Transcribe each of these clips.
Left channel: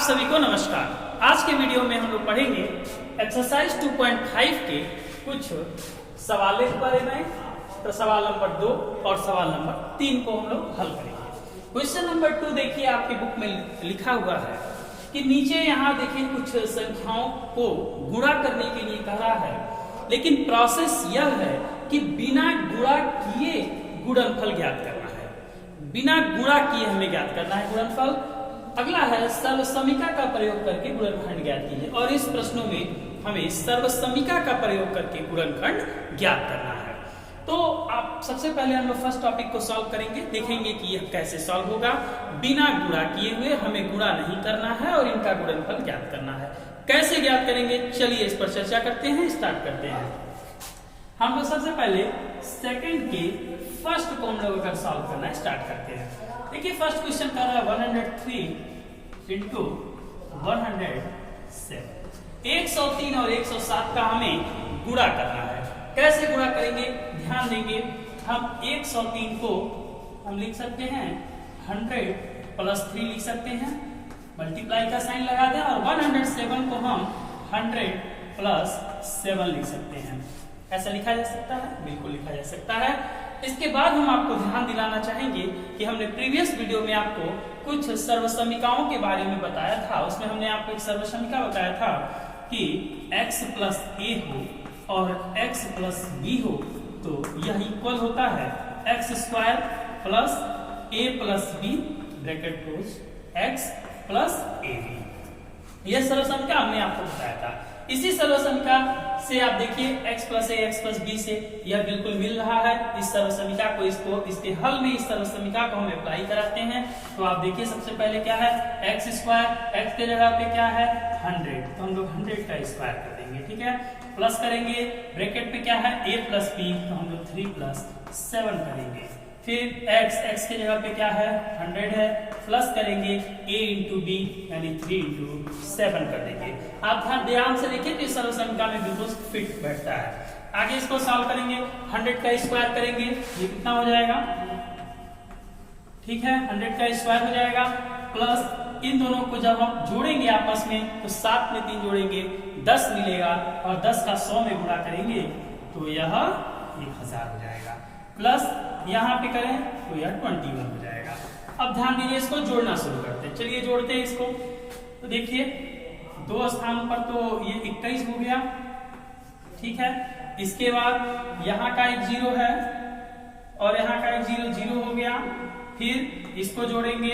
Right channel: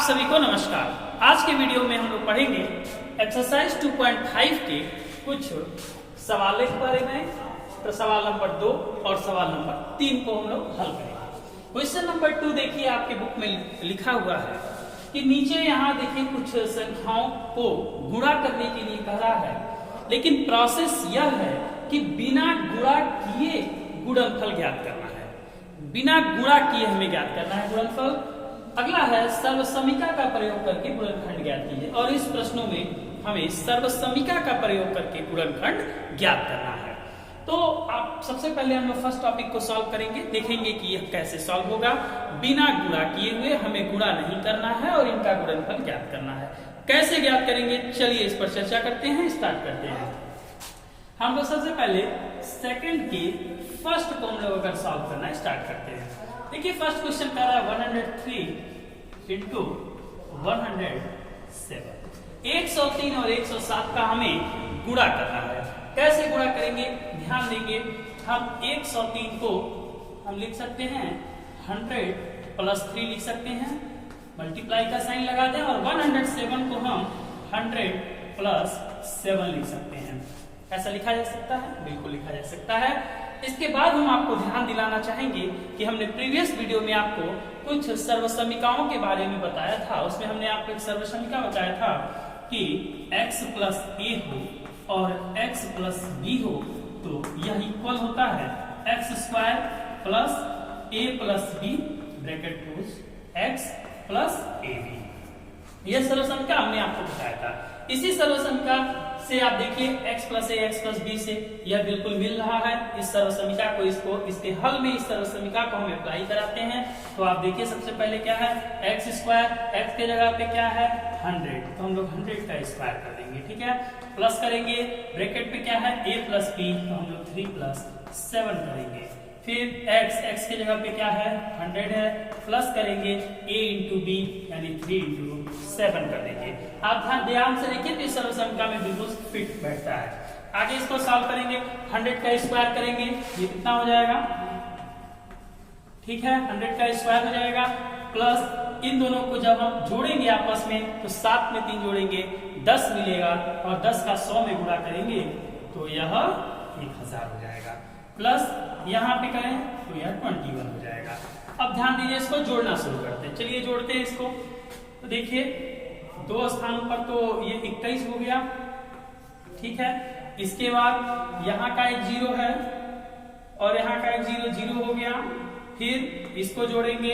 सभी को नमस्कार। आज के वीडियो में हम लोग पढ़ेंगे एक्सरसाइज 2.5 के कुछ सवालों के बारे में। तो सवाल नंबर 2 और सवाल नंबर 3 को हम लोग हल करेंगे। क्वेश्चन नंबर 2 देखिए, आपके बुक में लिखा हुआ है कि नीचे यहाँ देखिए कुछ संख्याओं को गुणा करने के लिए कह रहा है, लेकिन प्रोसेस यह है कि बिना गुणा किए गुणनफल ज्ञात करना है। बिना गुणा किए हमें ज्ञात करना है गुणनफल। अगला है सर्वसमीका का प्रयोग करके गुणनखंड ज्ञात कीजिए, और इस प्रश्नों में हमें सर्वसमीका का प्रयोग करके गुणनखंड ज्ञात करना है। तो आप सबसे पहले हम लोग फर्स्ट टॉपिक को सॉल्व करेंगे, देखेंगे कि यह कैसे सॉल्व होगा। बिना गुणा किए हुए हमें गुणा नहीं करना है और इनका गुणनफल ज्ञात करना है। कैसे ज्ञात करेंगे, चलिए इस पर चर्चा करते हैं, स्टार्ट करते हैं। हम लोग सबसे पहले सेकंड के फर्स्ट को हम लोग अगर सॉल्व करना स्टार्ट करते हैं। देखिए फर्स्ट क्वेश्चन कह रहा है 103 इंटू 107। 103 और 107 का हमें गुणा करना है। कैसे गुणा करेंगे, ध्यान देंगे। हम 103 को हम लिख सकते हैं 100 प्लस 3 लिख सकते हैं, मल्टीप्लाई का साइन लगा दें, और 107 को हम 100 प्लस 7 लिख सकते हैं। ऐसा लिखा जा सकता है, बिल्कुल लिखा जा सकता है। इसके बाद हम आपको ध्यान दिलाना चाहेंगे कि हमने प्रीवियस वीडियो में आपको कुछ सर्वसमीकाओं के बारे में बताया था। उसमें हमने आपको एक सर्वसमीका बताया था कि x प्लस ए हो और x प्लस बी हो तो यह इक्वल होता है x square plus a plus b bracket close x plus a b. यह सर्वसमीका हमने आपको बताया था। इसी सर्वसमीका से आप देखिए x प्लस ए एक्स प्लस बी से यह बिल्कुल मिल रहा है। इस सर्वसमीका को इसके हल में इस सर्वसमीका को हम अप्लाई कराते हैं। तो आप देखिए सबसे पहले क्या है, एक्स स्क्वायर, एक्स के जगह पे क्या है 100, तो हम लोग 100 का स्क्वायर कर देंगे, ठीक है। प्लस करेंगे, ब्रैकेट पे क्या है a प्लस बी, तो हम लोग 3 प्लस 7 करेंगे। फिर x के जगह पे क्या है 100 है, प्लस करेंगे a इंटू बी यानी 3 इंटू 7 कर देंगे। आप ध्यान से देखिए कि सर्वसमीका में बिल्कुल फिट बैठता है। आगे इसको सॉल्व करेंगे, 100 का स्क्वायर करेंगे, ये कितना हो जाएगा, ठीक है 100 का स्क्वायर हो जाएगा, प्लस इन दोनों को जब हम जोड़ेंगे आपस में तो 7 में 3 जोड़ेंगे 10 मिलेगा, और 10 का 100 में गुणा करेंगे तो यह 1000 हो जाएगा। प्लस यहाँ पे करें तो यह 21 हो जाएगा। अब ध्यान दीजिए, इसको जोड़ना शुरू करते हैं। चलिए जोड़ते हैं इसको। तो देखिए 2 स्थान पर तो ये 21 हो गया, ठीक है। इसके बाद यहाँ का एक 0 है और यहाँ का एक 0 हो गया। फिर इसको जोड़ेंगे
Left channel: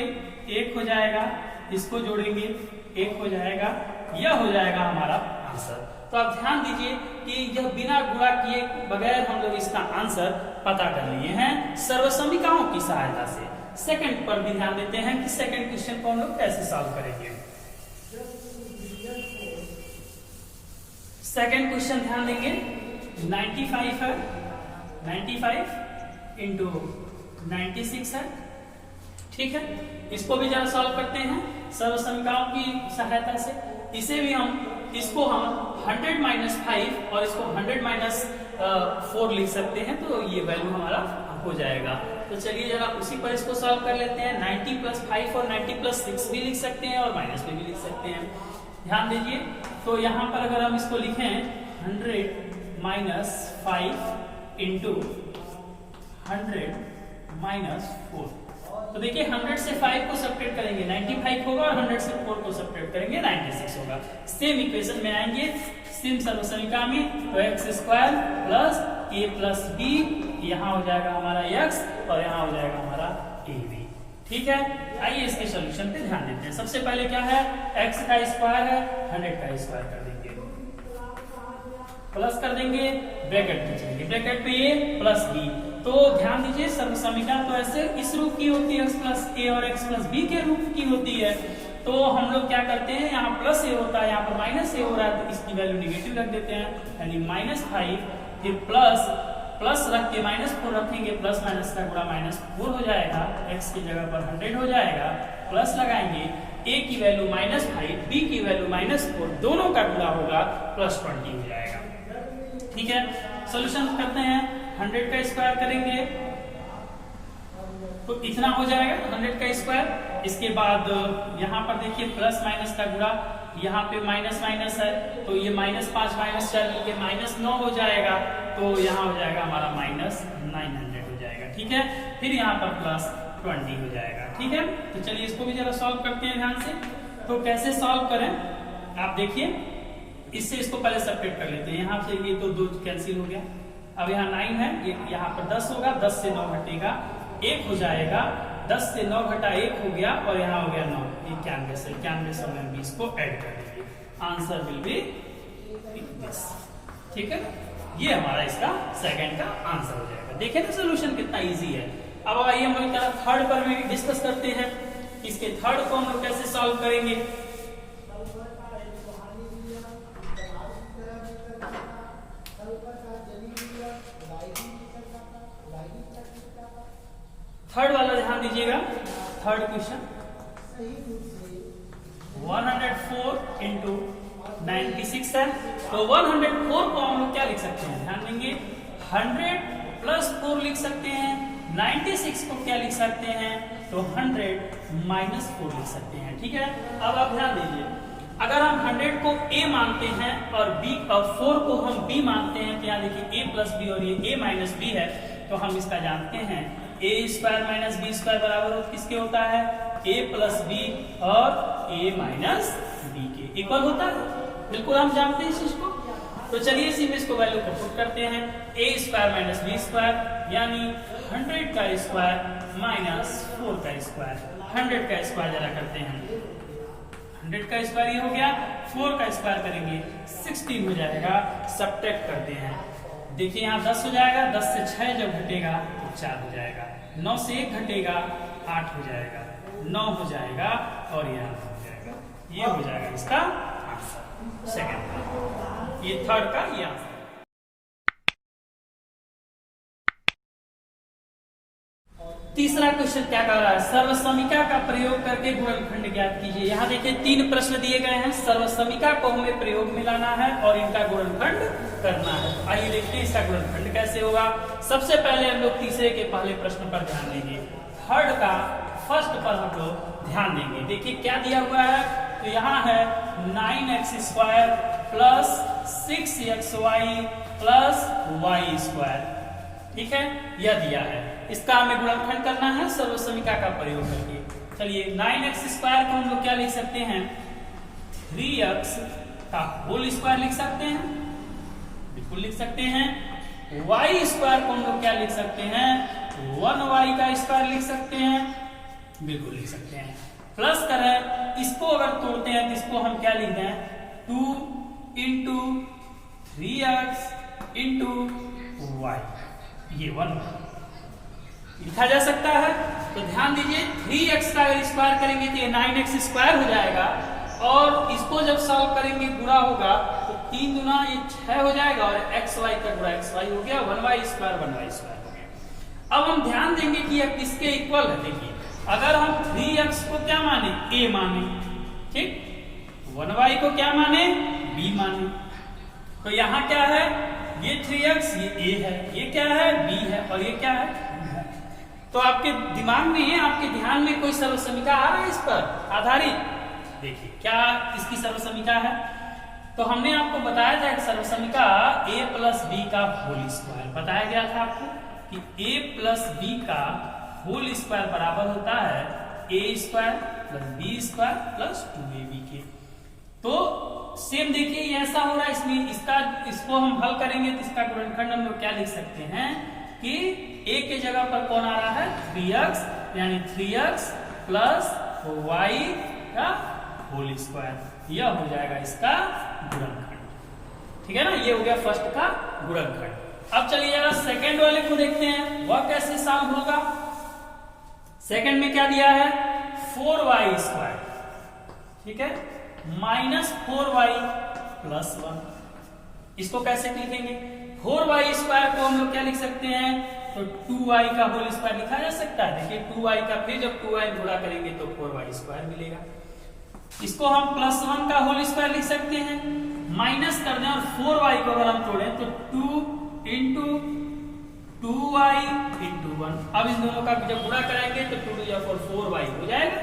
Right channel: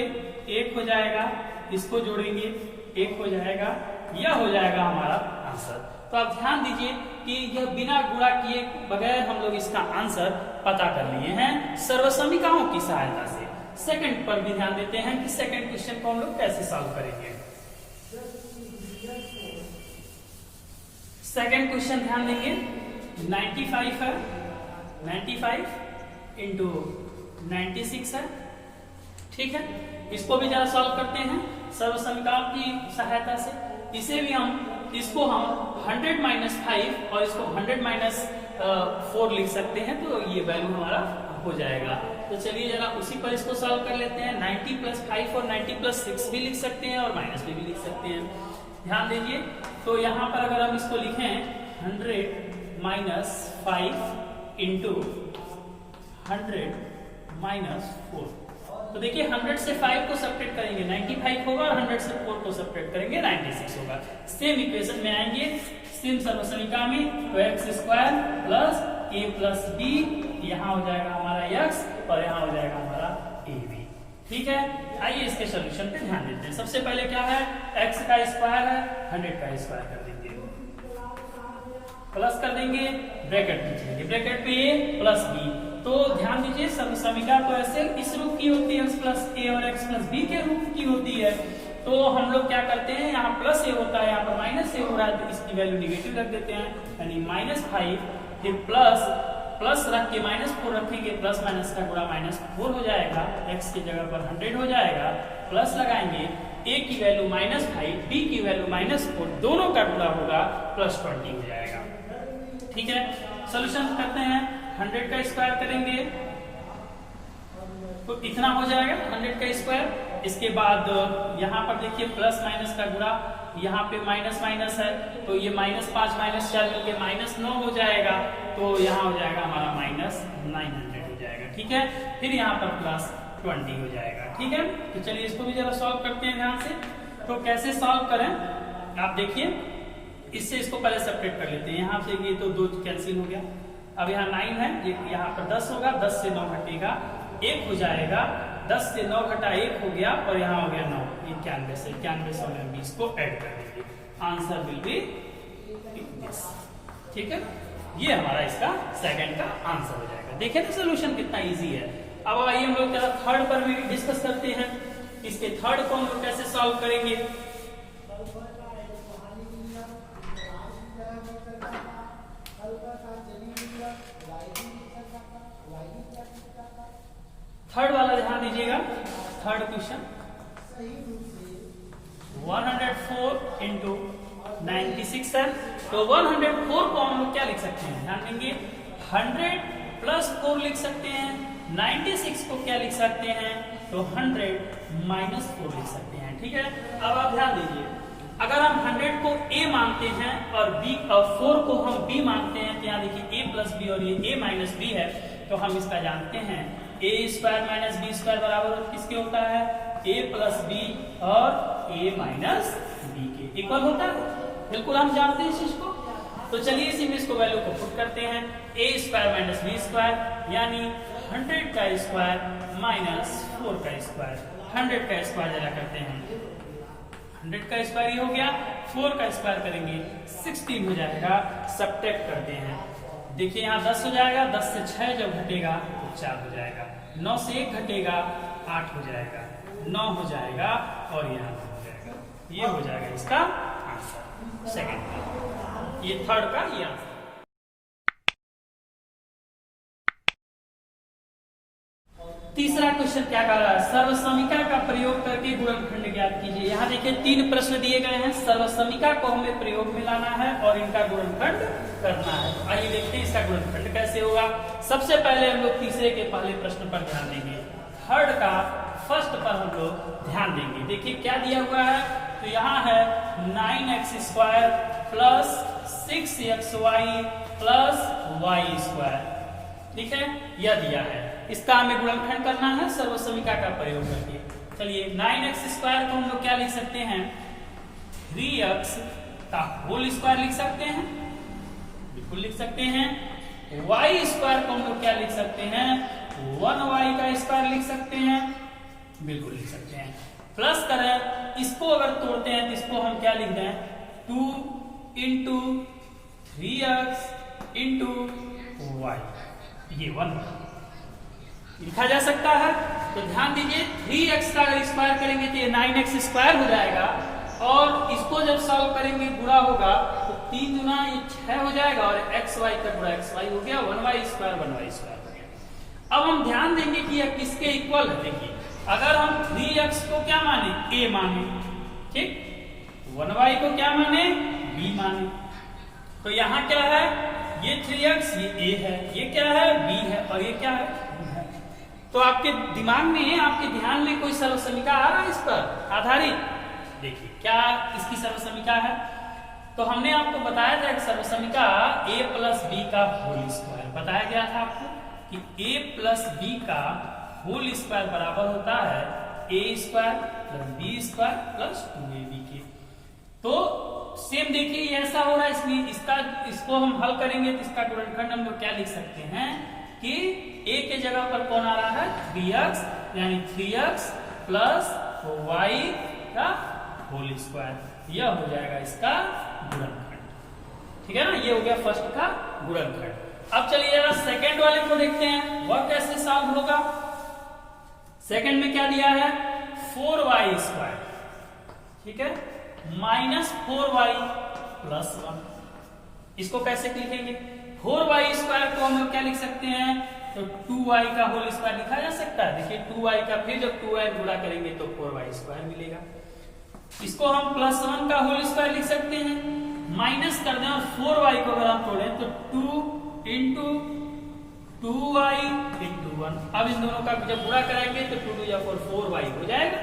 1 हो जाएगा, इसको जोड़ेंगे 1 हो जाएगा, यह हो जाएगा हमारा आंसर। तो आप ध्यान दीजिए कि यह बिना गुणा किए बगैर हम लोग इसका आंसर पता कर लिए हैं सर्वसमीकाओं की सहायता से। सेकंड पर भी ध्यान देते हैं कि सेकंड क्वेश्चन को हम लोग कैसे सॉल्व करेंगे। सेकंड क्वेश्चन ध्यान देंगे, 95 है, 95 इंटू 96 है, ठीक है। इसको भी जरा सॉल्व करते हैं सर्वसमीकाओं की सहायता से। इसे भी इसको हम 100 माइनस 5 और इसको 100 माइनस 4 लिख सकते हैं, तो ये वैल्यू हमारा हो जाएगा। तो चलिए जरा उसी पर इसको सॉल्व कर लेते हैं। 90 प्लस 5 और 90 प्लस 6 भी लिख सकते हैं और माइनस भी लिख सकते हैं। ध्यान दीजिए, तो यहाँ पर अगर हम इसको लिखें 100 माइनस 5 इंटू 100 माइनस 4, तो देखिए 100 से 5 को सब्ट्रैक्ट करेंगे 95 होगा, और 100 से 4 को सब्ट्रैक्ट करेंगे 96 होगा। सेम इक्वेशन में आएंगे, सेम सर्वसमीका में, तो x square plus a plus B, यहाँ हो जाएगा हमारा x और यहाँ हो जाएगा हमारा ए बी, ठीक है। आइए इसके सोल्यूशन पे ध्यान देते हैं। सबसे पहले क्या है, x का स्क्वायर है, 100 का स्क्वायर कर देंगे, प्लस कर देंगे, ब्रैकेट खींचेंगे, ब्रैकेट पे a प्लस बी। तो ध्यान दीजिए सर्वसमीका तो ऐसे इस रूप की होती है, x प्लस ए और x प्लस बी के रूप की होती है। तो हम लोग क्या करते हैं, यहाँ प्लस ए होता है, यहाँ पर माइनस ए हो रहा है, तो इसकी वैल्यू निगेटिव रख देते हैं, यानी -5, फिर प्लस रख के -4 रखेंगे, प्लस माइनस का गुणा -4 हो जाएगा, x की जगह पर 100 हो जाएगा, प्लस लगाएंगे, a की वैल्यू -5, b की वैल्यू -4, दोनों का गुणा होगा +20 हो जाएगा, ठीक है। सोल्यूशन करते हैं, 100 का स्क्वायर करेंगे तो इतना हो जाएगा 100 का स्क्वायर। इसके बाद यहाँ पर देखिए प्लस माइनस का गुणा, यहाँ पे माइनस माइनस है तो ये -5 -4 ये -9 हो जाएगा, तो यहाँ हो जाएगा हमारा -900 हो जाएगा। ठीक है, फिर यहाँ पर +20 हो जाएगा। ठीक है, तो चलिए इसको भी जरा सॉल्व करते हैं ध्यान से। तो कैसे सॉल्व करें आप देखिए, इससे इसको पहले सेपरेट कर लेते हैं। यहाँ से ये तो 2 कैंसिल हो गया, अब यहाँ 9 है, ये यहाँ पर 10 होगा, 10 से 9 घटेगा 1 हो जाएगा, 10 से 9 घटा 1 हो गया और यहाँ हो गया 9, 91 से 20 को ऐड कर देंगे, आंसर विल बी दिस। ठीक है, ये हमारा इसका सेकंड का आंसर हो जाएगा। देखिए तो सोल्यूशन कितना इजी है। अब आइए हम लोग थर्ड पर भी डिस्कस करते हैं। इसके थर्ड को हम लोग कैसे सॉल्व करेंगे। थर्ड वाला ध्यान दीजिएगा, थर्ड क्वेश्चन 104 इंटू 96 है, तो 104 को हम लोग क्या लिख सकते हैं, ध्यान देंगे 100 प्लस 4 लिख सकते हैं, 96 को क्या लिख सकते हैं, तो 100 माइनस 4 लिख सकते हैं। ठीक है, अब आप ध्यान दीजिए, अगर हम 100 को a मानते हैं और b और 4 को हम b मानते हैं, तो यहाँ देखिए a प्लस बी और ये a माइनस बी है, तो हम इसका जानते हैं a square minus b square बराबर किसके होता है, a प्लस बी और a माइनस बी के इक्वल होता है। बिल्कुल हम जानते हैं इस चीज को। तो चलिए इसको वैल्यू को पुट करते हैं, a square minus b square यानी 100 का स्क्वायर माइनस 4 का स्क्वायर, 100 का स्क्वायर जरा करते हैं, 100 का स्क्वायर ये हो गया, 4 का स्क्वायर करेंगे 16 हो जाएगा, सब्ट्रैक्ट करते हैं, देखिए यहाँ 10 हो जाएगा, 10 से 6 जब घटेगा तो 4 हो जाएगा, 9 से 1 घटेगा 8 हो जाएगा, 9 हो जाएगा और यहाँ हो जाएगा, ये हो जाएगा इसका आंसर सेकंड का, ये थर्ड का ये आंसर। तीसरा क्वेश्चन क्या कर रहा है, सर्वसमीका का प्रयोग करके गुणनखंड ज्ञात कीजिए। यहाँ देखिए 3 प्रश्न दिए गए हैं, सर्वसमीका को हमें प्रयोग में लाना है और इनका गुणनखंड करना है। तो आइए देखते हैं इसका गुणनखंड कैसे होगा। सबसे पहले हम लोग तीसरे के पहले प्रश्न पर ध्यान देंगे, थर्ड का फर्स्ट पर हम लोग ध्यान देंगे। देखिए क्या दिया हुआ है, तो यहाँ है 9x square plus 6xy plus y square. ठीक है, यह दिया है, इसका हमें गुणनखंड करना है सर्वसमीका का प्रयोग करके। चलिए 9x स्क्वायर को हम लोग क्या लिख सकते हैं, 3x का होल स्क्वायर लिख सकते हैं, बिल्कुल लिख सकते हैं। y स्क्वायर को हम लोग क्या लिख सकते हैं, 1y का स्क्वायर लिख सकते हैं, बिल्कुल लिख सकते हैं। प्लस करें, इसको अगर तोड़ते हैं तो इसको हम क्या लिख दें, 2 इंटू 3x इंटू y, ये 1 लिखा जा सकता है। तो ध्यान दीजिए 3x का अगर स्क्वायर करेंगे तो ये 9x स्क्वायर हो जाएगा और इसको जब सॉल्व करेंगे गुणा होगा तो 3 गुना ये 6 हो जाएगा और xy का गुणा xy हो गया, 1y स्क्वायर 1y स्क्वायर हो गया। अब हम ध्यान देंगे कि यह किसके इक्वल है। देखिए अगर हम 3x को क्या माने, a माने, ठीक, 1y को क्या माने, b माने, तो यहाँ क्या है, ये 3x ये a है, ये क्या है b है और ये क्या है b है। तो आपके दिमाग में, आपके ध्यान में कोई सर्वसमीका आ रहा है इस पर आधारित। देखिए क्या इसकी सर्वसमीका है, तो हमने आपको बताया था एक सर्वसमीका a प्लस बी का होल स्क्वायर बताया गया था आपको कि a प्लस बी का होल स्क्वायर बराबर होता है a square plus b square plus 2ab के। तो सेम देखिए ये ऐसा हो रहा है, इसलिए इसको हम हल करेंगे तो इसका गुणनखंड हम लोग क्या लिख सकते हैं कि a के जगह पर कौन आ रहा है, 3x, यानी 3x प्लस y का होल स्क्वायर, यह हो जाएगा इसका गुणनखंड। ठीक है ना, ये हो गया फर्स्ट का गुणनखंड। अब चलिए सेकंड वाले को देखते हैं वह कैसे सॉल्व होगा। सेकंड में क्या दिया है, 4y स्क्वायर, ठीक है, माइनस 4y प्लस 1। इसको कैसे लिखेंगे, 4y स्क्वायर को हम लोग क्या लिख सकते हैं, तो 2y का होल स्क्वायर लिखा जा सकता है। देखिए 2y का फिर जब 2y गुणा करेंगे तो 4y स्क्वायर मिलेगा। इसको हम प्लस 1 का होल स्क्वायर लिख सकते हैं, माइनस कर दें और 4y को अगर हम तोड़ें तो 2 इंटू 2y इंटू 1। अब इन दोनों का जब गुणा कराएंगे तो 2 टू 4y हो जाएगा।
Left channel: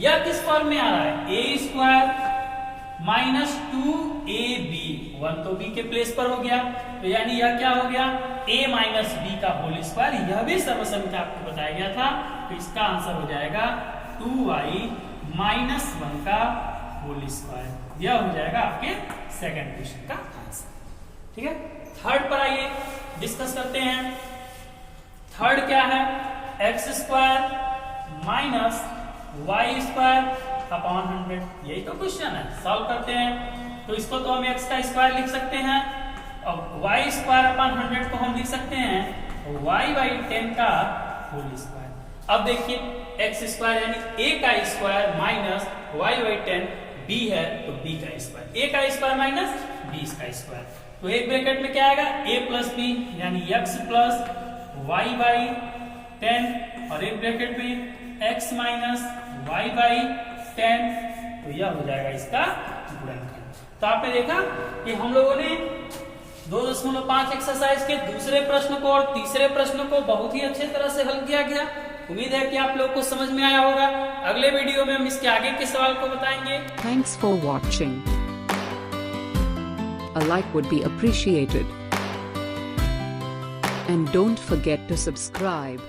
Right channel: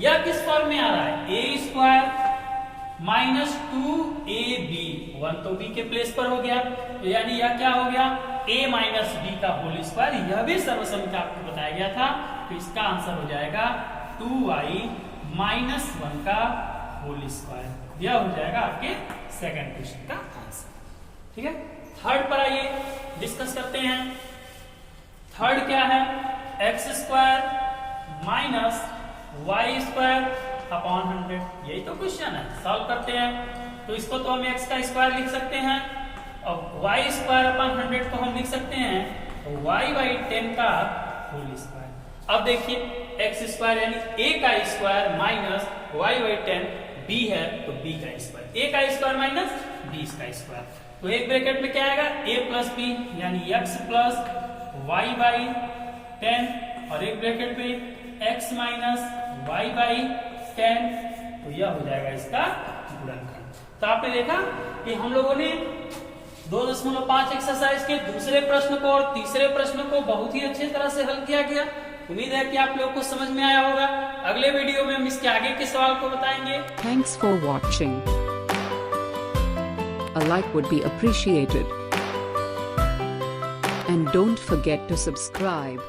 यह किस फॉर्म में आ रहा है, ए स्क्वायर माइनस 2ab, 1 तो b के प्लेस पर हो गया, तो यानी यह क्या हो गया, a माइनस b का होल स्क्वायर। यह भी सर्वसम्मति आपको बताया गया था, तो इसका आंसर हो जाएगा 2y माइनस 1 का होल स्क्वायर। यह हो जाएगा आपके सेकंड क्वेश्चन का आंसर। ठीक है, थर्ड पर आइए डिस्कस करते हैं। थर्ड क्या है, x square minus y square upon 100। यही तो क्वेश्चन है, सॉल्व करते हैं। तो इसको तो हम एक्स का स्क्वायर लिख सकते हैं और वाई स्क्वायर अपॉन 100 को हम लिख सकते हैं वाई बाई 10 का होल स्क्वायर। अब देखिए एक्स स्क्वायर यानी a का square minus y by 10, b है तो b का स्क्वायर, a का स्क्वायर माइनस b का स्क्वायर। तो एक ब्रैकेट में क्या आएगा, a प्लस b यानी x प्लस वाई बाई 10 और एक ब्रैकेट में x माइनस वाई बाई 10, तो यह हो जाएगा इसका गुणनखंड। तो आपने देखा कि हम लोगों ने 2.5 एक्सरसाइज के दूसरे प्रश्न को और तीसरे प्रश्न को बहुत ही अच्छे तरह से हल किया गया। उम्मीद है कि आप लोग को समझ में आया होगा। अगले वीडियो में हम इसके आगे के सवाल को बताएंगे। Thanks for watching. A like would be appreciated. And don't forget to subscribe.